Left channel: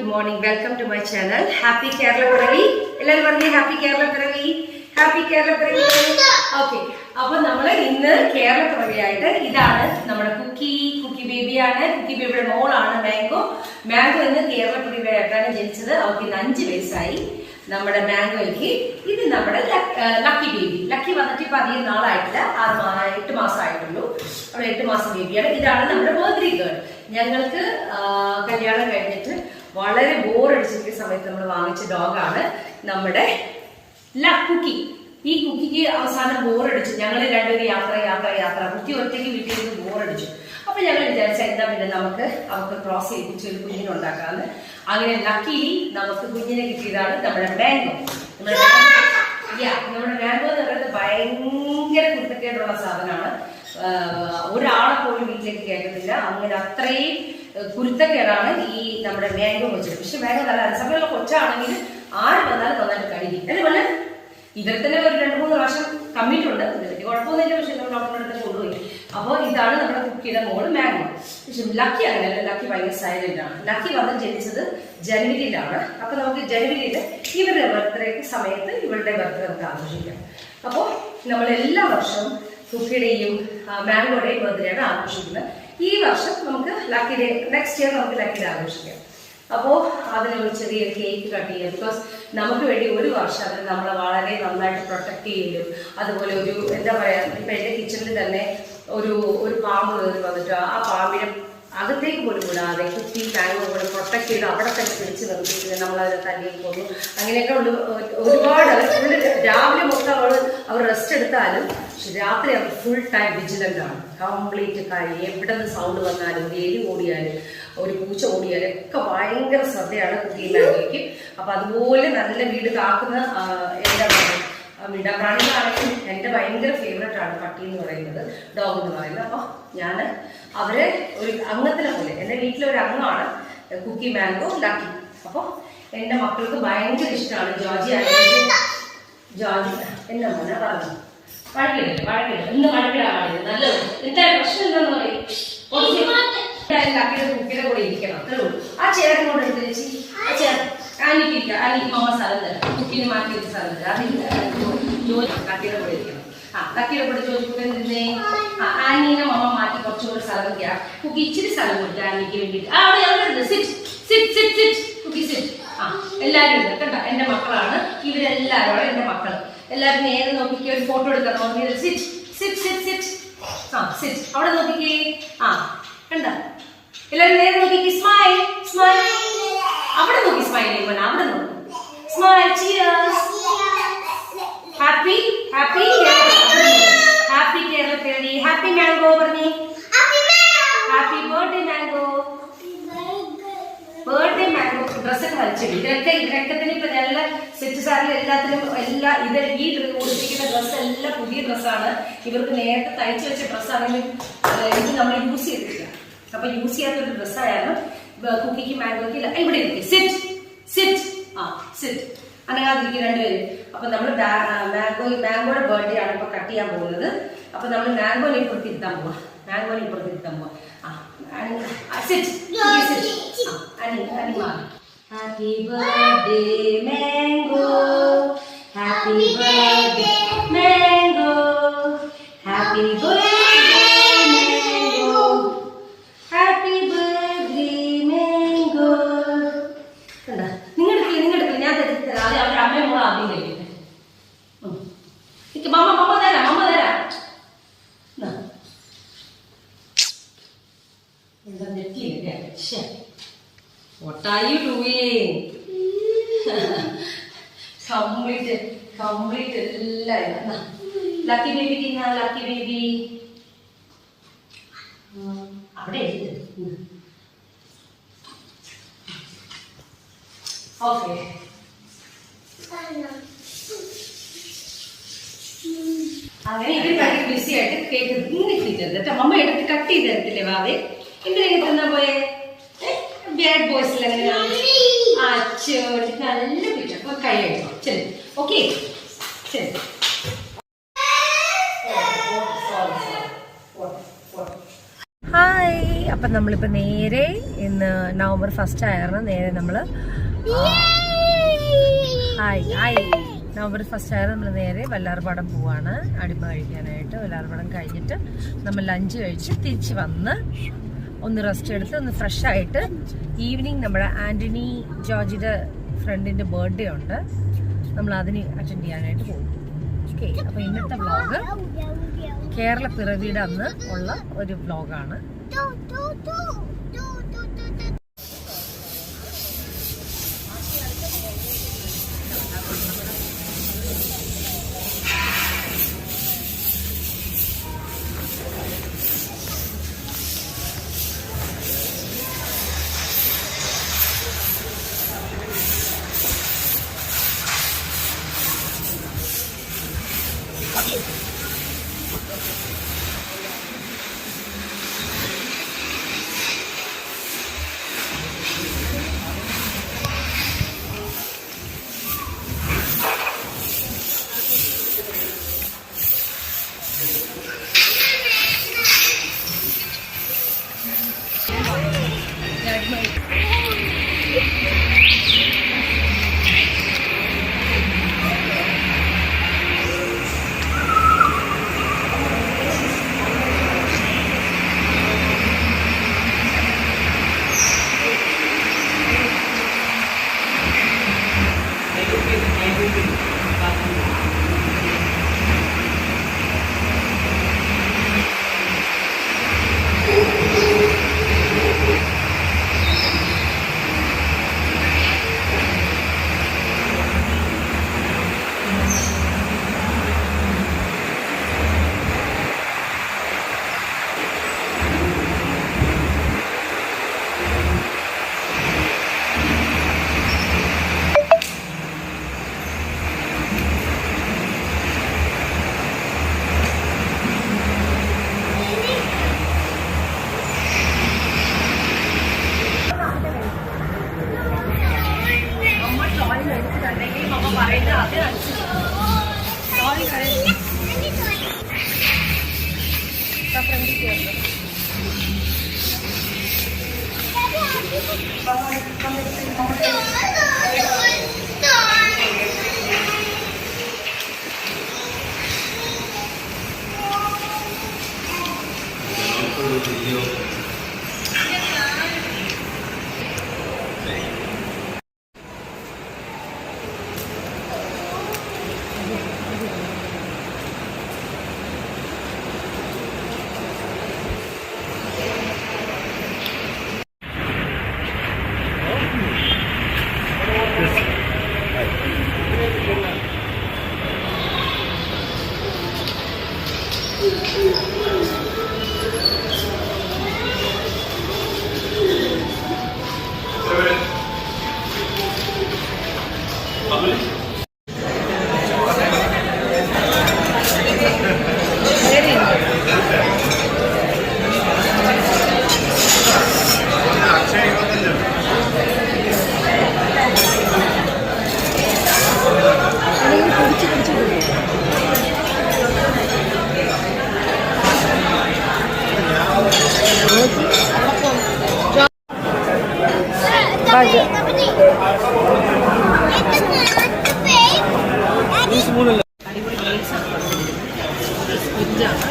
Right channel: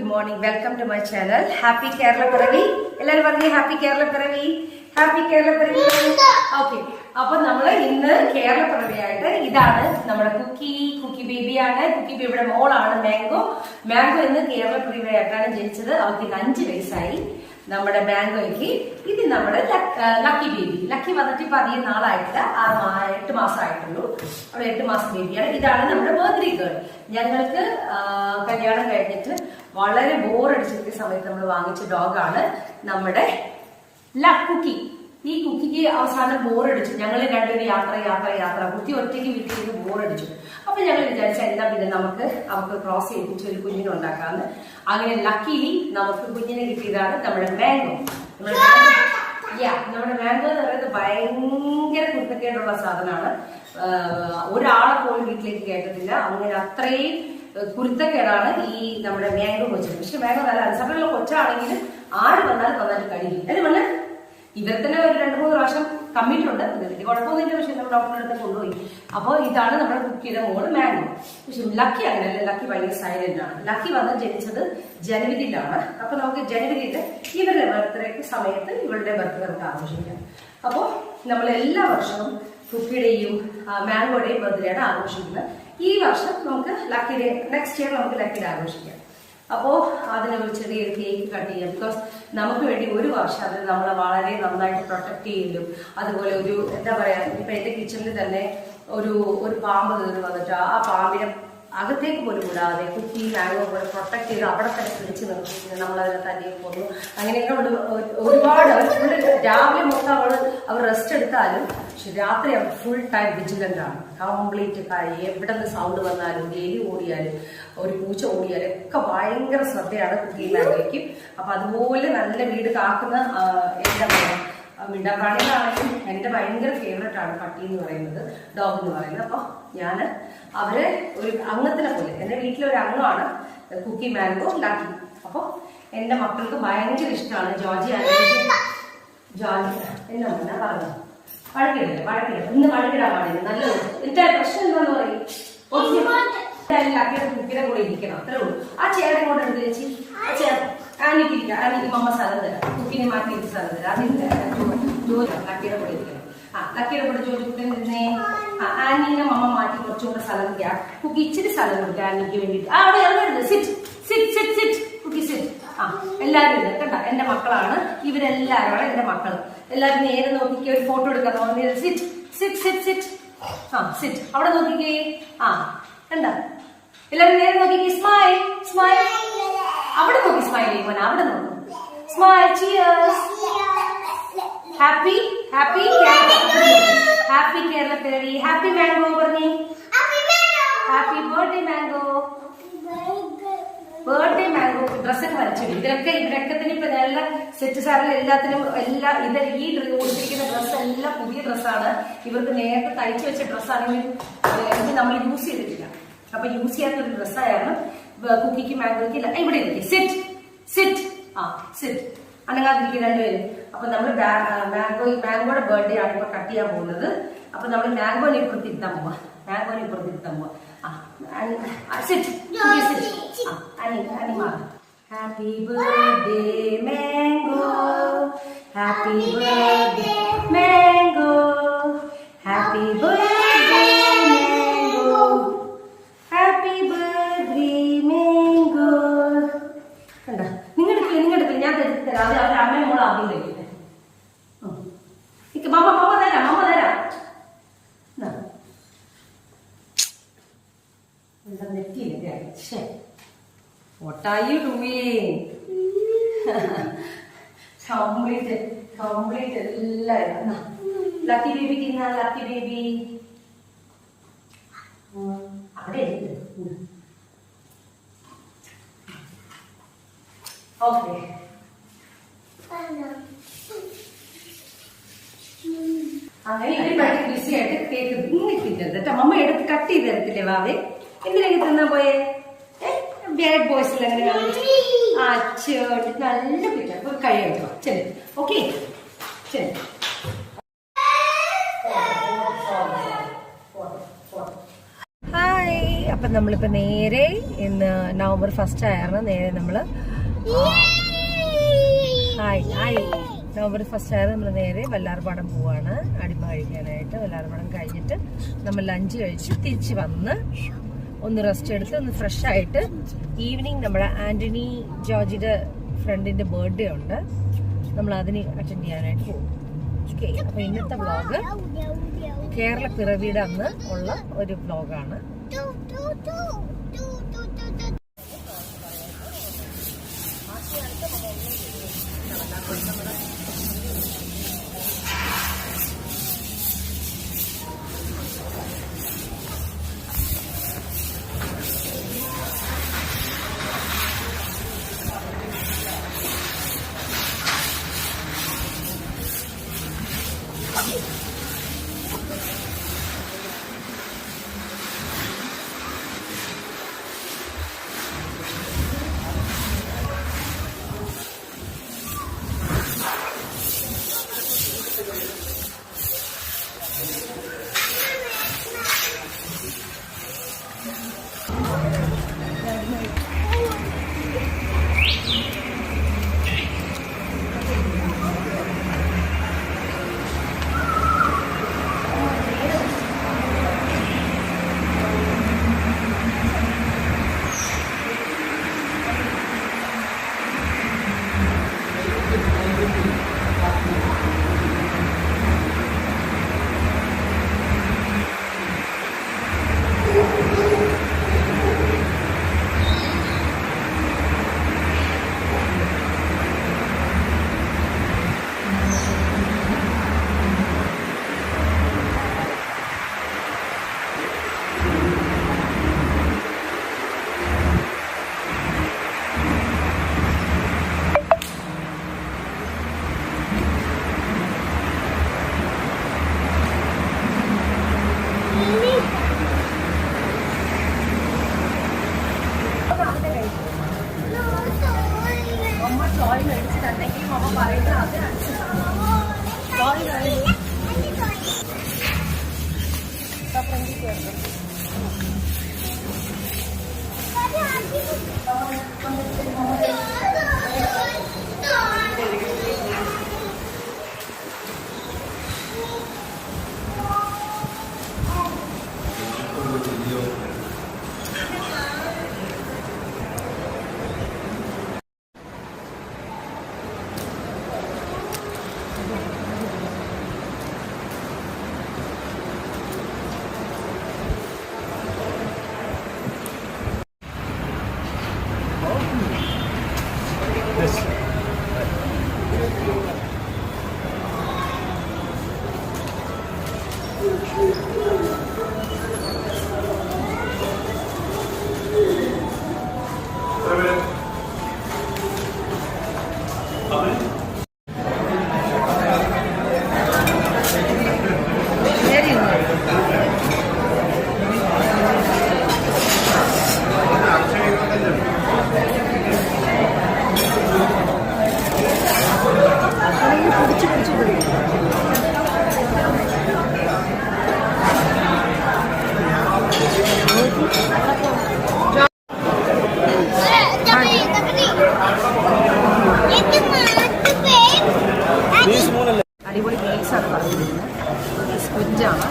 good morning. Welcome to my channel. Happy Kerala Piravi. എല്ലാവരും പറഞ്ഞു happy Kerala പിറവി. Happy Kerala പിറവി. ഓക്കെ, അപ്പൊ നമ്മള് ഇന്ന് കേരള പിറവിയായിട്ട് ഇതാണ് നമ്മുടെ കുക്കി ബേബിയാണ്. കുക്കി ബേബിയുടെ മോളാണ് മാംഗോ ഇന്ന് കേരള പിറവിയായിട്ടാണ് ജനിച്ചത്. അവർക്ക് ഇന്ന് 5 വയസ്സായി. നമ്മുടെ മാംഗോയ്ക്ക് ഇത് നമ്മുടെ ലക്കി ബേബി. ലക്കി വന്നിട്ട് ഇപ്പൊ അധികം നാളായിട്ടില്ല, 8 മാസം ആയിട്ടുള്ളൂ. അവിടെ 8 മാസം ബേബിയാണ്. ഇതാണ് നമ്മുടെ ബർത്ത്ഡേ ഗേൾ. ഞങ്ങൾക്ക് കല്യാണം കഴിഞ്ഞിട്ട് വളരെ ബോറടിച്ചിരിക്കുന്ന സമയത്ത് നമ്മൾ വാങ്ങിച്ച ഡോഗാണ് നമ്മുടെ കുക്കി. ഈ കുക്കിക്ക് അവസാനം ബോറടിച്ചു. ഞങ്ങൾ രണ്ടുപേരും യാത്ര കുക്കി ഒറ്റയ്ക്ക് വീട്ടിൽ നിന്ന് ബോറടിച്ചു. അപ്പൊ ഞങ്ങൾ വിചാരിച്ച എന്താ പിന്നെ നമുക്ക് അവർക്ക് ക്രോസ് ചെയ്യിപ്പിച്ച് ഒരു കുഞ്ഞിനെ ഉണ്ടാക്കാന്ന്. അങ്ങനെ ലക്കിലി നമുക്ക് കുഞ്ഞിനെ കിട്ടിയതാണ് നമ്മുടെ മാംഗോ. നമ്മുടെ മാംഗോ എന്ന് പറയുന്നത് ഭയങ്കര കുരുത്തക്കേടുള്ള സാധനമാണ്. ഒരാളെ പോലും വീട്ടിലേക്ക് കയറ്റത്തില്ല. അങ്ങനെ അത്രയും കുരുത്തക്കേടാണ് ഈ നമ്മുടെ മാംഗോ കൊച്ചു. പക്ഷെ മാംഗോ നല്ല അനുസരണമുള്ള കൊച്ചാണെങ്കിൽ ആര് വന്നാലും നന്നായിട്ട് കഴിക്കും. അതുപോലെ ഇവരെ തന്നെ ഒരു 2-3 പ്രാവശ്യം കമ്മിട്ടുണ്ട്. വലിയ കുഴപ്പമൊന്നുമില്ല. പക്ഷെ നമ്മൾ ഡോക്ടറുടെ അടുത്ത് കൊണ്ടുപോയി. അപ്പോൾ ഇതാണ് നമ്മുടെ കുക്കിയുടെ മോള് മാംഗോ. പക്ഷെ ലക്കി അങ്ങനെയല്ല. ലക്കി ഭയങ്കര സൈലന്റ് ആണ്. ലക്കി വന്ന് ജനിച്ചത് ജനുവരിയിലാണ്. അപ്പൊ നമുക്ക് ജനുവരിയിൽ ഇവരുടെ ബർത്ത്ഡേക്ക് സമയത്ത് ഇവളുടെ ബർത്ത്ഡേ നമുക്ക് ആഘോഷിക്കാം. അപ്പോൾ നമ്മൾ എല്ലാ വർഷവും കുക്കിയുടെയും മാംഗോയുടെയും ബർത്ത്ഡേയാണ് ആഘോഷിക്കുന്നത്. ഈ വർഷം നമുക്ക് ലക്കിയുടെ നെക്സ്റ്റ് ഇയർ നമുക്ക് ലക്കിയുടെ ആഘോഷിക്കാം. അപ്പോൾ അതിന് ഒരു ചെറിയൊരു കേക്ക് കട്ട് ചെയ്യാം. ബിക്കോസ് നമുക്ക് വേണ്ടി ഒരു വർഷം അതിന് നമ്മളെ വളരെ നന്നായിട്ട് പ്രൊട്ടക്ട് ചെയ്യലും, അതുപോലെ ഒരു എന്താ പറയാ, ഇപ്പൊ എന്റെ കിച്ചണിൽ തന്നെ ഒരു പാമ്പ് കയറി വന്നിട്ട് ആ പാമ്പിനെ അകത്തേക്ക് പോലും വിടാതെ കുക്കി മാംഗോ പോലെ പ്രൊട്ടക്ട് ചെയ്ത് അവിടെ തന്നെ പിടിച്ച് നിർത്തിയിട്ട് നമ്മളതിനെ തന്നെ കൊന്നു. അങ്ങനെയൊക്കെ ഒരുപാട് ഫുൾ രാവിലെ മൊത്തം അവർ റെസ്റ്റ് എടുത്താലും രാത്രി അവർ ഫുൾ ടൈം വിജിലന്റ് ആണ്. കംപ്ലീറ്റ് കാര്യം എവിടെ നിന്ന് സൗണ്ട് വന്നാലും ഒരു എലി ഓടിയാലും ഒരു പൂച്ച ഓടിയാലും ഒക്കെ ഭയങ്കര ശ്രദ്ധയാണ് കുക്കി മാംഗോയ്ക്ക്. അപ്പൊ അതുപോലെ നല്ല വീട് കാക്കുന്ന എന്താ പറയുക മിണ്ടാപ്രാണികളാണെങ്കിലും എൻ്റെ ഭയങ്കര ഫേവറേറ്റ് ആണ് പട്ടി എന്ന് പറയുന്നത്, ഡോഗ് എന്ന് പറയുന്നത്. അപ്പോൾ ഞാൻ അവരെ ഒരു അംഗത്തിനെ പോലെ, എൻ്റെ വീട്ടിലൊരു അംഗമാണ് കുക്കി മാംഗോ ലക്കി. അപ്പോൾ എൻ്റെ മക്കൾക്ക് ഭയങ്കര ഇഷ്ടമാണ്. ജോർജി എന്നാ പറഞ്ഞു വഴക്കില്ല ഇന്ന് വഴക്കിടാൻ പാടില്ല. നല്ലത് എന്താ പ്രശ്നം എന്താന്ന് പറയും. ലക്കിയുടെ കുക്കിയുടെ കൂടെ ഇരിക്കണം, അത്രേ ഉള്ളൂ. ആ ചേട്ടൻ കൊണ്ട് എടുത്ത് വെച്ച് ആ ചേട്ടൻ ആനിക്കിരിക്കാം. ആനിക്ക് മമ്മ സ്ഥലം തരാം, കുക്കിനെ മാറ്റി വെച്ച് സ്ഥലം തരാം. അതിന് ജോലി ലക്കിയുടെ കൂടെ ഇരിക്കണം. ലക്കിയുടെ കൂടെ ജോലിക്കുട്ടൻ ഇരുന്നേ. ആനീനെ മമ്മ മാറ്റി കുറച്ചുകൂടെ സ്ഥലം വയ്ക്കാം. കുക്കി ഇച്ചിരി സ്ഥലം കൊടുത്തു ആനിക്ക് വേണ്ടിയിട്ട്. അവിടെ എവിടെ സിറ്റ് കുക്കി സിറ്റ്. എല്ലാവരും ഇല്ല കണ്ട, എൻ്റെ മക്കളാണ് ഇവരെല്ലാവരും. എൻ്റെ മക്കൾ എല്ലാവരും നേരെ നോക്കിക്കേ. ഒരു ഫോട്ടോ എടുക്കാൻ ഓർമ്മ. സിറ്റ് അവിടെ നോക്കിക്കേ. കണ്ട, എല്ലാവരും നേരെ നോക്കിക്കേ. സ്മൈൽ അവിടെ നോക്കി. സ്മൈൽ ചെയ്യുമ്പോൾ അവിടെ നോക്കി. സ്മൈൽ. ചിയേഴ്സ്. ഹാപ്പി കേരള പിറവി. ഹാപ്പി മാംഗോ പറഞ്ഞേ. Happy birthday mango. Birthday mango. ഡ്രസ്സൊക്കെ വലിച്ചിടും. ഇവരൊക്കെ തന്നെ ഇപ്പൊ നല്ല സെറ്റ് സാറിൽ എല്ലാത്തിലും ഈ കൊടുത്തിരിക്കുന്ന ഡ്രസ്സ് എല്ലാം പുതിയ ഡ്രസ്സാണ്. ഇവർക്ക് നേരത്തെ തയ്ച്ചു വെച്ച ഡ്രസ്സാണെങ്കിലും ഇത് നമ്മൾ യൂസ് ചെയ്തിട്ടില്ല. അപ്പൊ യൂസ് ചെയ്യാത്തൊരു ഡ്രസ്സായാലും കുക്കിക്ക് മാംഗോയ്ക്ക് ഇവിടെ ഇരിക്കും. സിറ്റ് അനങ്ങാതിരിക്കും രണ്ടുപേരും. അപ്പൊ നമ്മൾ മാംഗോയുടെ ബർത്ത്ഡേ ആണ് ഇപ്പൊ കട്ട് ചെയ്യാൻ പോകുന്നത്. അപ്പൊ നമ്മൾ മാംഗോനെ ഇപ്പുറത്തിരുത്താൻ പോവാ. Happy birthday mango, happy birthday mango, happy birthday mango, happy birthday mango. കണ്ട, നിങ്ങൾ എടുക്കില്ല, ഞാൻ തരാം. അത് അവരുടെ അമ്മയും കൂടെ ആദ്യം കഴിക്കട്ടെ. മമ്മ തരാം. What are you doing? Complete എല്ലാം. ലക്കി ബേബി തിന്നാ. ലക്കി ബേബി അവിടെ ഓക്കെ. അങ്ങനെ ഇവർ ഭയങ്കര ബിസി ആയിട്ട് കേക്ക് ഇങ്ങനെ എത്തിച്ചത് കേട്ടോ. മമ്മ എടുത്ത് കട്ട് ചെയ്ത് തരത്തില്ലേ വാവേ? എന്തിനാ തിന്നാ പോയെ? ബാഡ് ബോയ്സിൽ അങ്ങനെ നല്ല പിറ്റ. അപ്പൊ കൈ കഴിക്കണം. ശരി, ഓക്കെ, ശരി. ഹായ്. അപ്പം നമ്മളിപ്പോൾ നേരെ ഇന്ന് നവംബർ 1 ആയിരുന്നു. നേരെ നമ്മൾ നവംബർ 1 ആയിരുന്നു. നമ്മൾ നേരെ വല്ലാർപാടം പോവാണ് അടിമ കഴിക്കാനായിട്ട്. വല്ലാർപാടം കഴിഞ്ഞിട്ട് നമ്മൾ ലഞ്ച് കഴിച്ച് തിരിച്ച് വന്ന് ഒന്ന് റെസ്റ്റ് എടുത്ത് ഒന്ന് ഫ്രഷ് ആയിട്ട് ഈവനിങ് നമ്മുടെ ആന്റണി ജോർജിയുടെ ഫ്രണ്ടിന്റെ ബർത്ത്ഡേ ഉണ്ട്. നമ്മൾ അതിന് അറ്റൻഡ് ചെയ്യാനായിട്ട് പോകും. ഓക്കെ, അപ്പൊ ഇന്നത്തെ വ്ലോഗ് കേരള പിറവിയുടെ അന്ന് ഉള്ള ഒരു വ്ലോഗാണ്. മേടിച്ചിട്ടുണ്ടെങ്കിലും അമ്മ പറയുന്നത് അതിനനുസരിച്ച് അടിപൊളി മീൽസാണ് പറഞ്ഞിരിക്കുന്നത്. സ്ക്വിഡാണ്.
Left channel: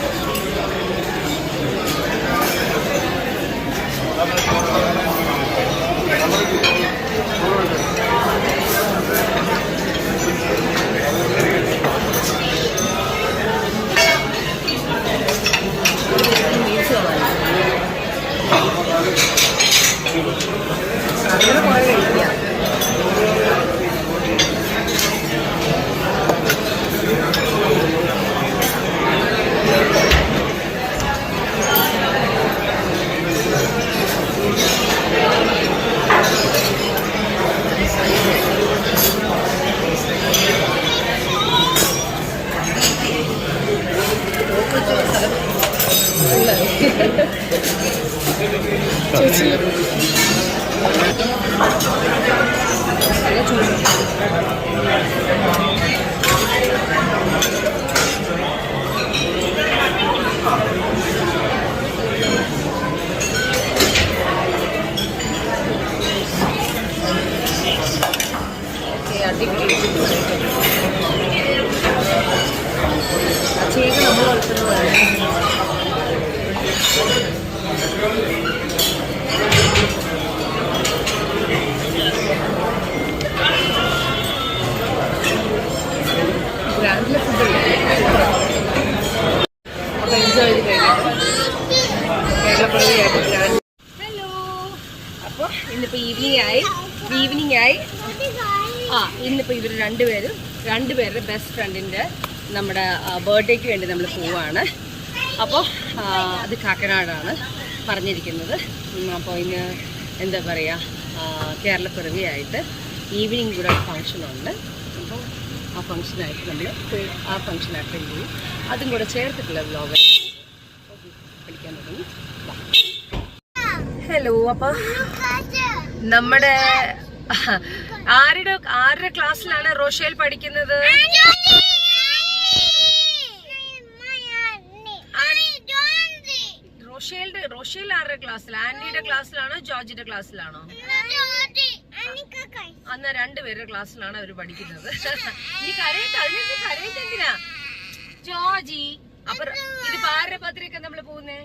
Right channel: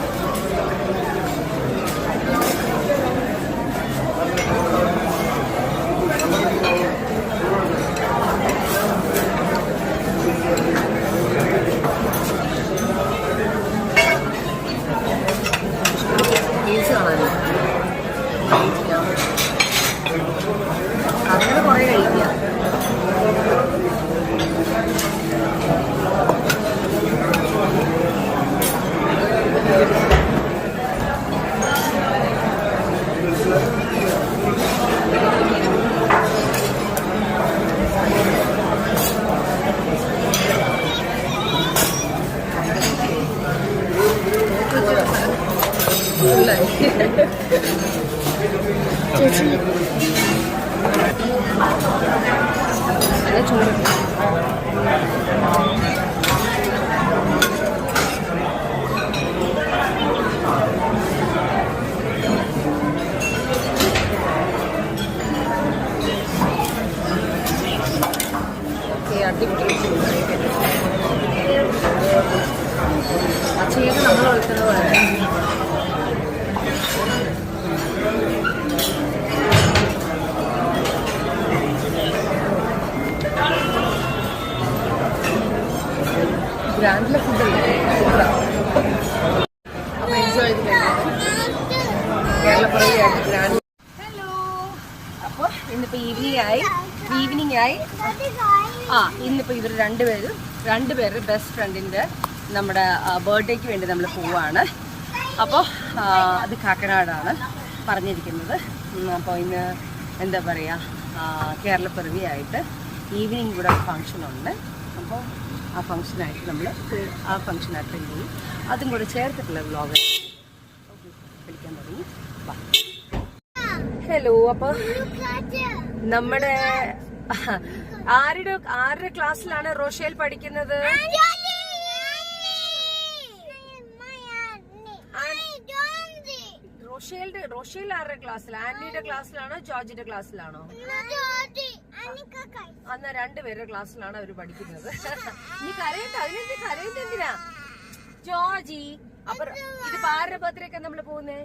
മീൽസ് കാണാനില്ല, അതുകൊണ്ട് കുറേ കഴിക്കാം. ചേച്ചി നല്ല ചൂട്. ഓക്കെ, അടിപൊളി. അച്ഛയൊക്കെ നമ്മൾ വളർത്തുന്നതാണ്. ഗ്രാൻഡിലെ ഫുഡല്ലേ, സൂപ്പറാണ്. അപ്പോൾ എൻജോയ് ചെയ്ത് കഴിഞ്ഞിട്ട് കേരളപ്പിറവിയായിട്ട് ഗ്രാൻഡ്. ഹലോ, അപ്പോൾ ഇന്നിപ്പോൾ ഈവനിങ് ആയി. ഇന്നിപ്പോൾ ഇവർ രണ്ടുപേരുടെ ബെസ്റ്റ് ഫ്രണ്ടിൻ്റെ നമ്മുടെ ബർത്ത്ഡേക്ക് വേണ്ടി നമ്മൾ പോവാണ്. അപ്പോൾ അത് കാക്കനാടാണ് പറഞ്ഞിരിക്കുന്നത്. അപ്പോൾ ഇന്ന് എന്താ പറയുക, കേരളപ്പിറവിയായിട്ട് ഈവനിങ് കൂടെ ഫങ്ഷനുണ്ട്. അപ്പോൾ ആ ഫങ്ഷനായിട്ട് നമ്മൾ ആ ഫങ്ഷൻ അറ്റൻഡ് ചെയ്യും. അതും കൂടെ ചേർത്തിട്ടുള്ള വ്ലോഗ് കളിക്കാൻ തുടങ്ങി. ഹലോ, അപ്പോൾ നമ്മുടെ ആരുടെ ക്ലാസ്സിലാണ് റോഷേൽ പഠിക്കുന്നത്? റോഷേൽ ആരുടെ ക്ലാസ്സിലാണ്? ആന്റിയുടെ ക്ലാസ്സിലാണോ ജോർജിന്റെ ക്ലാസ്സിലാണോ? അന്ന് രണ്ടുപേരുടെ ക്ലാസ്സിലാണ് അവർ പഠിക്കുന്നത്. നീ അതിനെന്ത് കരയുന്നെന്തിനാ ജോർജി? അപ്പൊ ഇത് ആരുടെ ബർത്ത്ഡേക്കാ നമ്മള് പോകുന്നേ?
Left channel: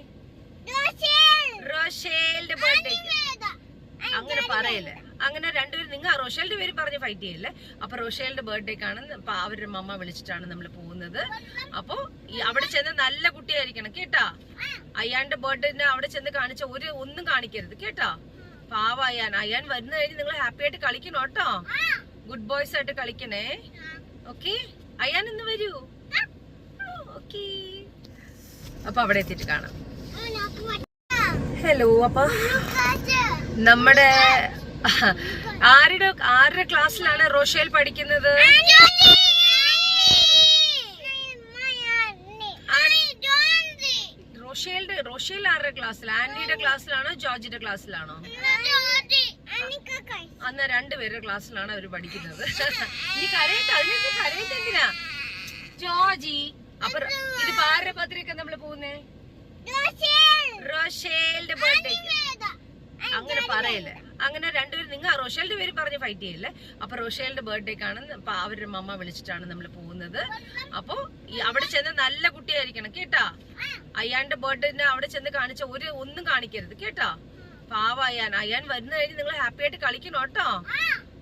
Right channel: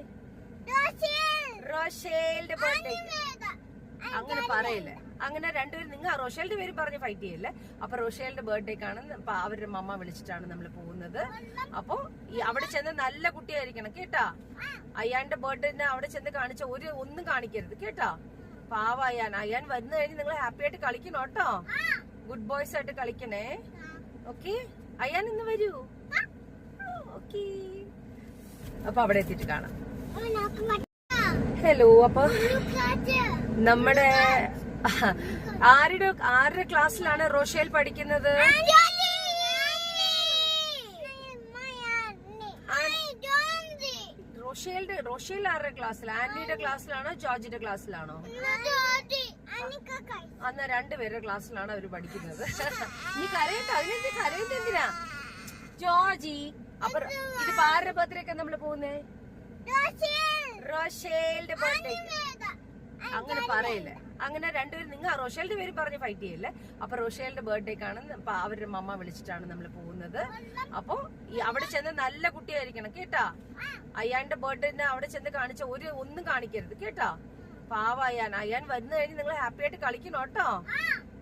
റോഷേലിന്റെ ബർത്ത്ഡേക്ക്. അങ്ങനെ പറയില്ലേ, അങ്ങനെ രണ്ടുപേരും നിങ്ങൾ റോഷേലിന്റെ പേര് പറഞ്ഞ് ഫൈറ്റ് ചെയ്യില്ലേ. അപ്പൊ റോഷേലിന്റെ ബർത്ത്ഡേക്കാണ് അവരുടെ മമ്മ വിളിച്ചിട്ടാണ് നമ്മൾ പോകുന്നത്. അപ്പൊ അവിടെ ചെന്ന് നല്ല കുട്ടിയായിരിക്കണം കേട്ടാ. അയ്യാന്റെ ബർത്ത്ഡേന് അവിടെ ചെന്ന് കാണിച്ച ഒന്നും കാണിക്കരുത് കേട്ടാ. പാവ അയ്യാൻ വരുന്ന കഴിഞ്ഞ് നിങ്ങൾ ഹാപ്പി ആയിട്ട് കളിക്കണം കേട്ടോ. ഗുഡ് ബോയ്സ് ആയിട്ട് കളിക്കണേ. ഓക്കെ, അയ്യാൻ ഇന്ന് വരൂ. ഓക്കെ, അപ്പൊ അവിടെ എത്തിയിട്ട് കാണാം. ഹലോ, അപ്പൊ നമ്മുടെ ആരുടെ ക്ലാസ്സിലാണ് റോഷേൽ പഠിക്കുന്നത്? റോഷേൽ ആരുടെ ക്ലാസ്സിലാണ്? ആന്റിയുടെ ക്ലാസ്സിലാണോ ജോർജിന്റെ ക്ലാസ്സിലാണോ? അന്ന് രണ്ടുപേരുടെ ക്ലാസ്സിലാണ് അവർ പഠിക്കുന്നത്. നീ അതിനെന്ത് കരയുന്നെന്തിനാ ജോർജി? അപ്പൊ ഇത് ആരുടെ ബർത്ത്ഡേക്കാ നമ്മള് പോകുന്നേ? റോഷേലിന്റെ ബർത്ത്ഡേക്ക്. അങ്ങനെ പറയില്ലേ, അങ്ങനെ രണ്ടുപേരും നിങ്ങൾ റോഷേലിന്റെ പേര് പറഞ്ഞ് ഫൈറ്റ് ചെയ്യില്ലേ. അപ്പൊ റോഷേലിന്റെ ബർത്ത്ഡേക്കാണ് അവരുടെ മമ്മ വിളിച്ചിട്ടാണ് നമ്മൾ പോകുന്നത്. അപ്പൊ അവിടെ ചെന്ന് നല്ല കുട്ടിയായിരിക്കണം കേട്ടാ. അയ്യാന്റെ ബർത്ത്ഡേന് അവിടെ ചെന്ന് കാണിച്ച ഒന്നും കാണിക്കരുത് കേട്ടാ. പാവ അയ്യാൻ വരുന്ന കഴിഞ്ഞ് നിങ്ങൾ ഹാപ്പി ആയിട്ട് കളിക്കണം കേട്ടോ.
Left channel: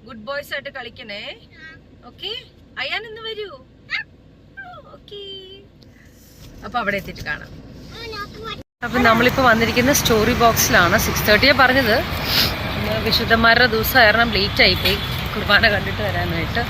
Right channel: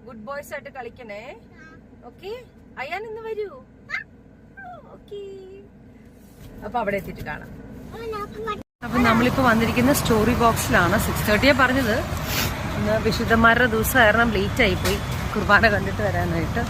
ഗുഡ് ബോയ്സ് ആയിട്ട് കളിക്കണേ. ഓക്കെ, അയ്യാൻ ഇന്ന് വരൂ. ഓക്കെ, അപ്പൊ അവിടെ എത്തിയിട്ട് കാണാം. അപ്പൊ നമ്മളിപ്പോ വന്നിരിക്കുന്ന സ്റ്റോറി ബോക്സിലാണ്. 6:30 പറഞ്ഞത്. വിശുദ്ധന്മാരുടെ ദിവസം കാരണം ലേറ്റ് ആയിപ്പോയി കുർബാന കണ്ടിട്ട് വരാനായിട്ട്.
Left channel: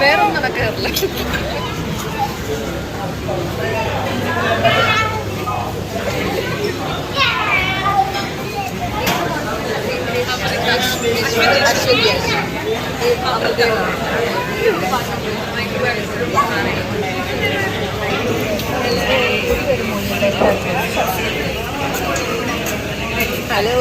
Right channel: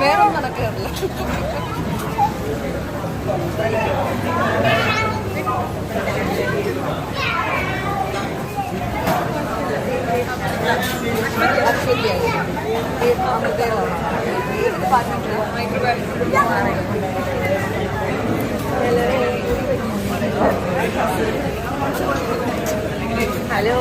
വേറെ ഒന്നും നടക്കാറില്ല. Hello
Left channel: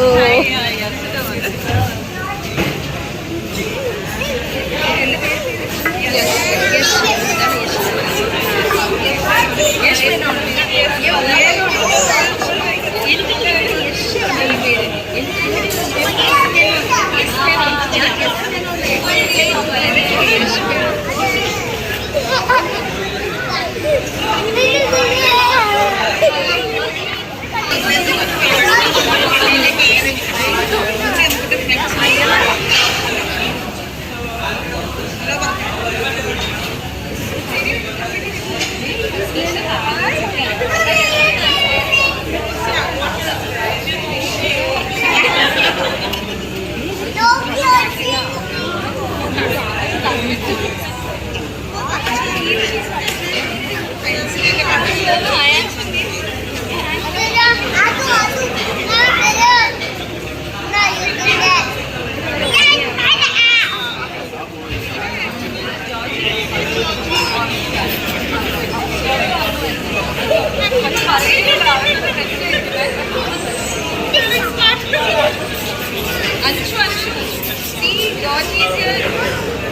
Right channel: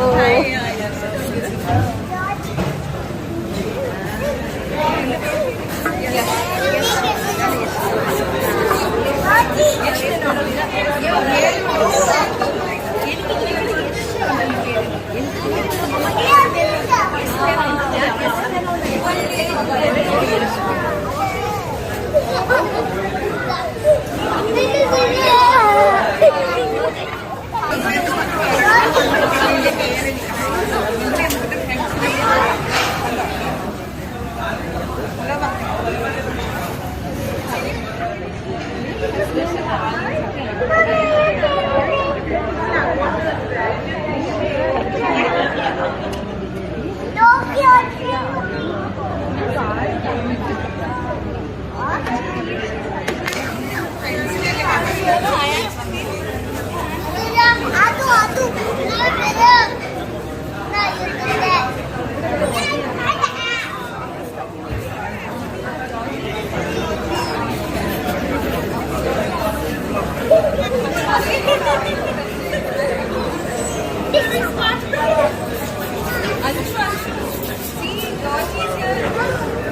See, Georgie is here.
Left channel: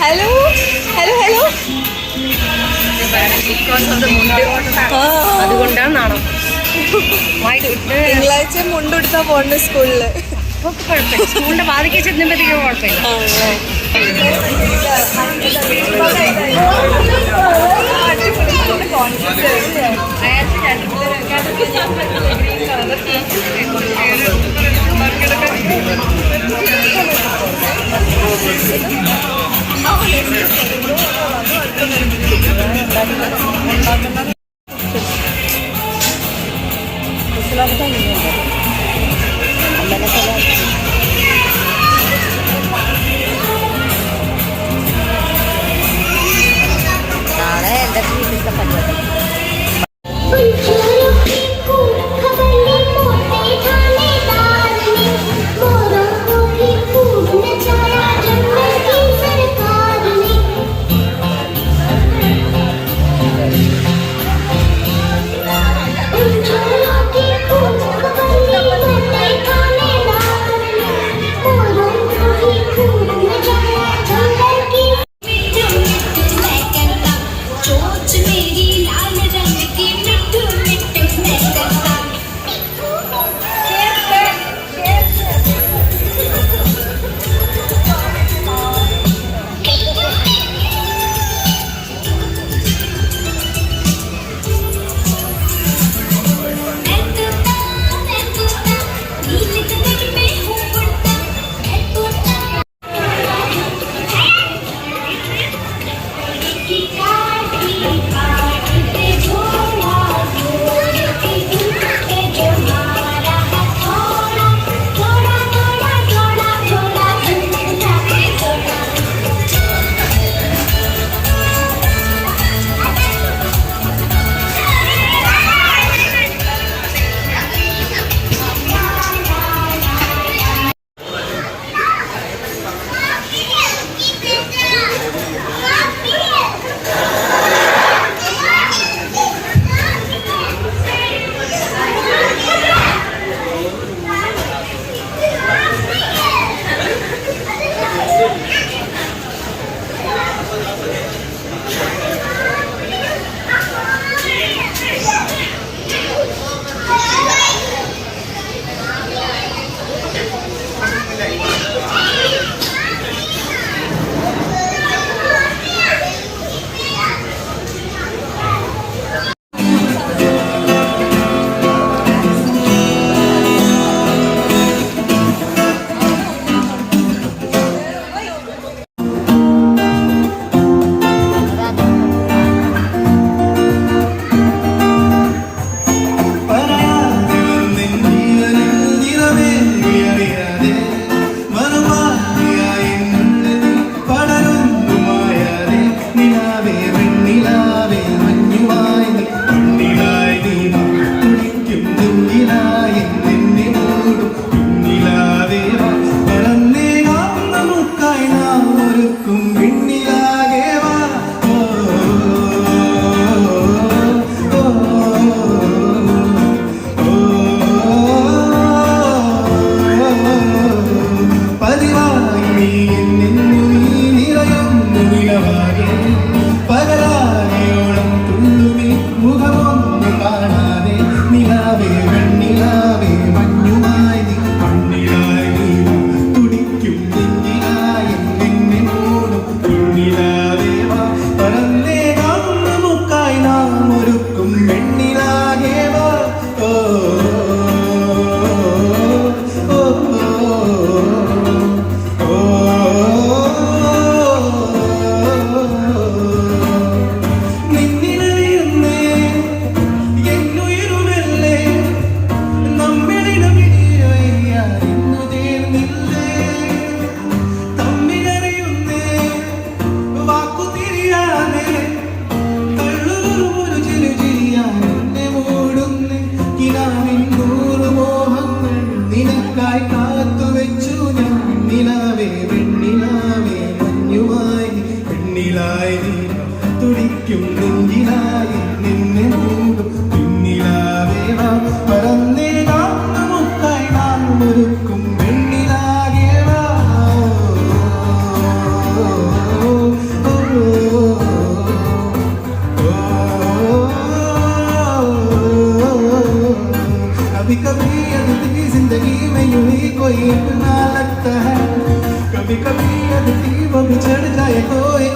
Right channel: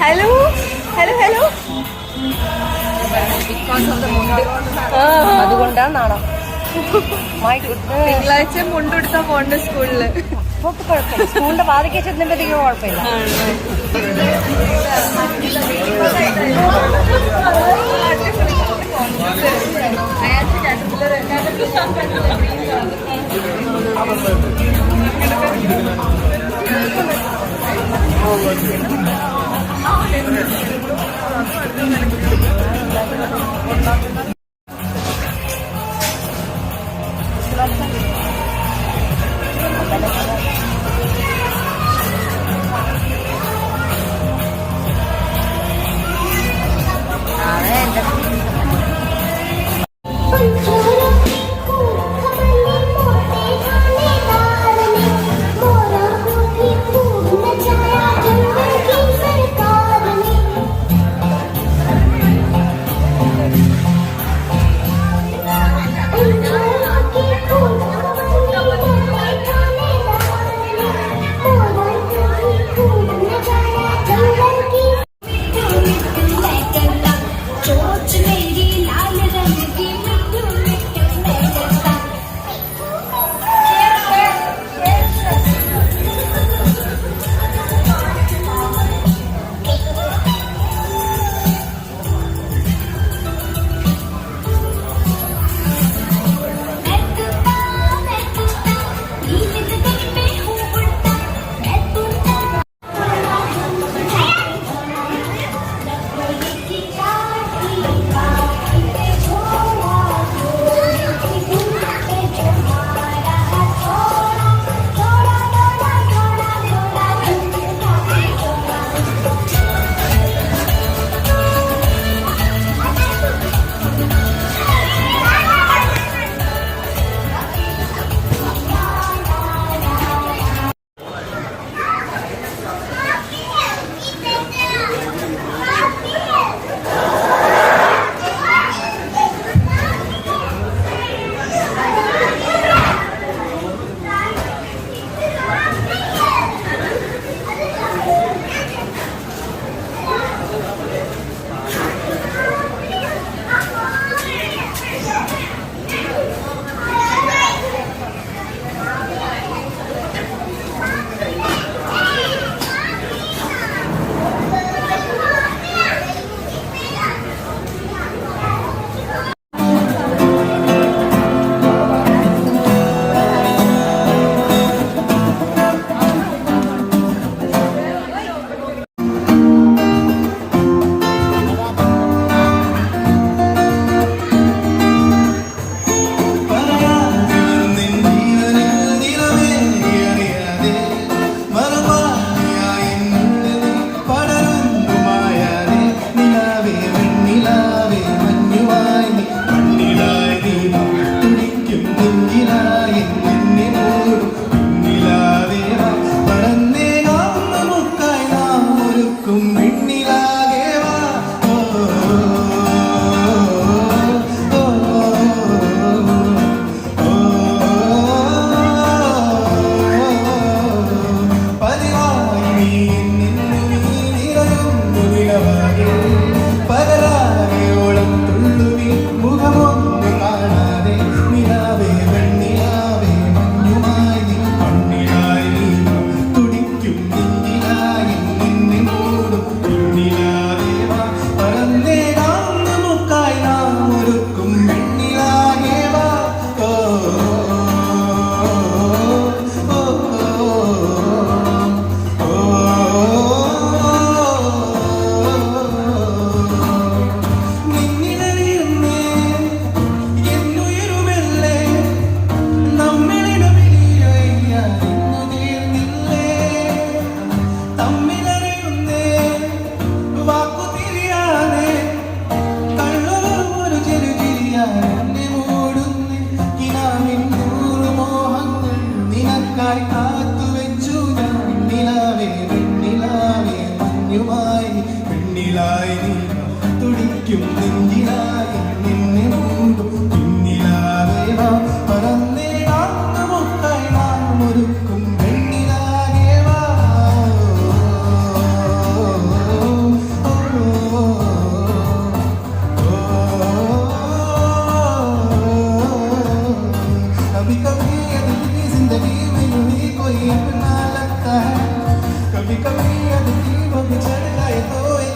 Hello hello hello അതുകൊണ്ടാണ് നാണം. തിങ്കളാഴ്ച മുണ്ടെടുത്താ പോണ്ട് സ്കൂളില്. കുഴപ്പമില്ല, സ്കൂളിന്റെ വാതിക്കെ ചെന്നുമ്പോഴത്തേക്കും കുഴപ്പമില്ല.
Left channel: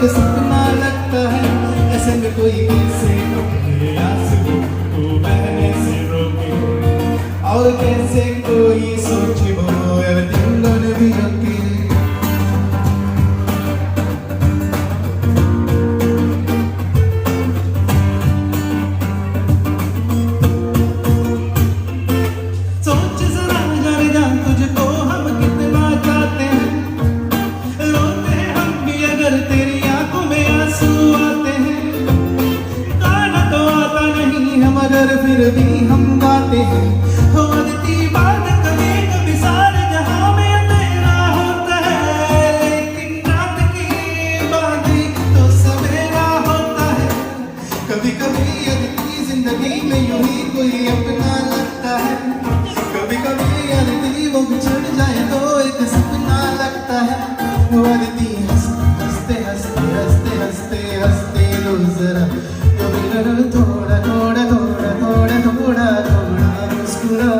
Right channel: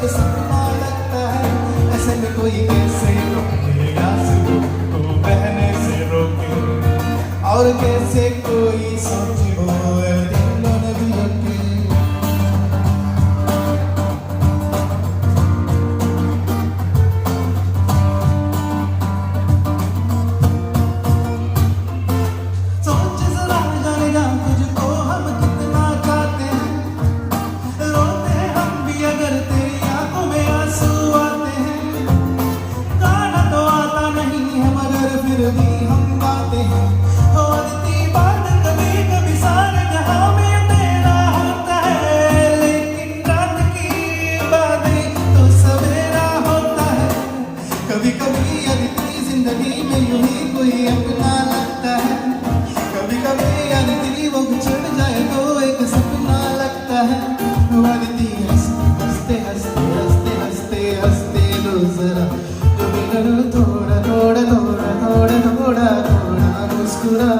सपना लगता है, ऐसे में कोई कैसे रोके आंसू को बहने से रोके, और कैसे कोई सोचे वो everything gonna be okay. सोच जरा जाने जा तुझको हम कितना चाहते हैं, रोते हैं हम भी अगर तेरी आंखों में आंसू आते हैं, गाना तो आता नहीं हम अगर फिर भी हम गाते हैं, होती बात कभी कभी सारे जहां में अंधेरा होता है, लेकिन रात की बादली तो सवेरा होता है, कभी कभी अदिति जिंदगी में यूं ही कोई अपना लगता है, कभी कभी अदिति वो बिछड़ जाए तो एक सपना लगता है, वो अदिति हंसते हंसते हंसते हंसते हंसते लो जरा, कभी करो थोड़ा थोड़ा थोड़ा थोड़ा थोड़ा थोड़ा मुस्कुरा.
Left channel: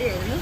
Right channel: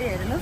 പരിപാടിയായിരുന്നു.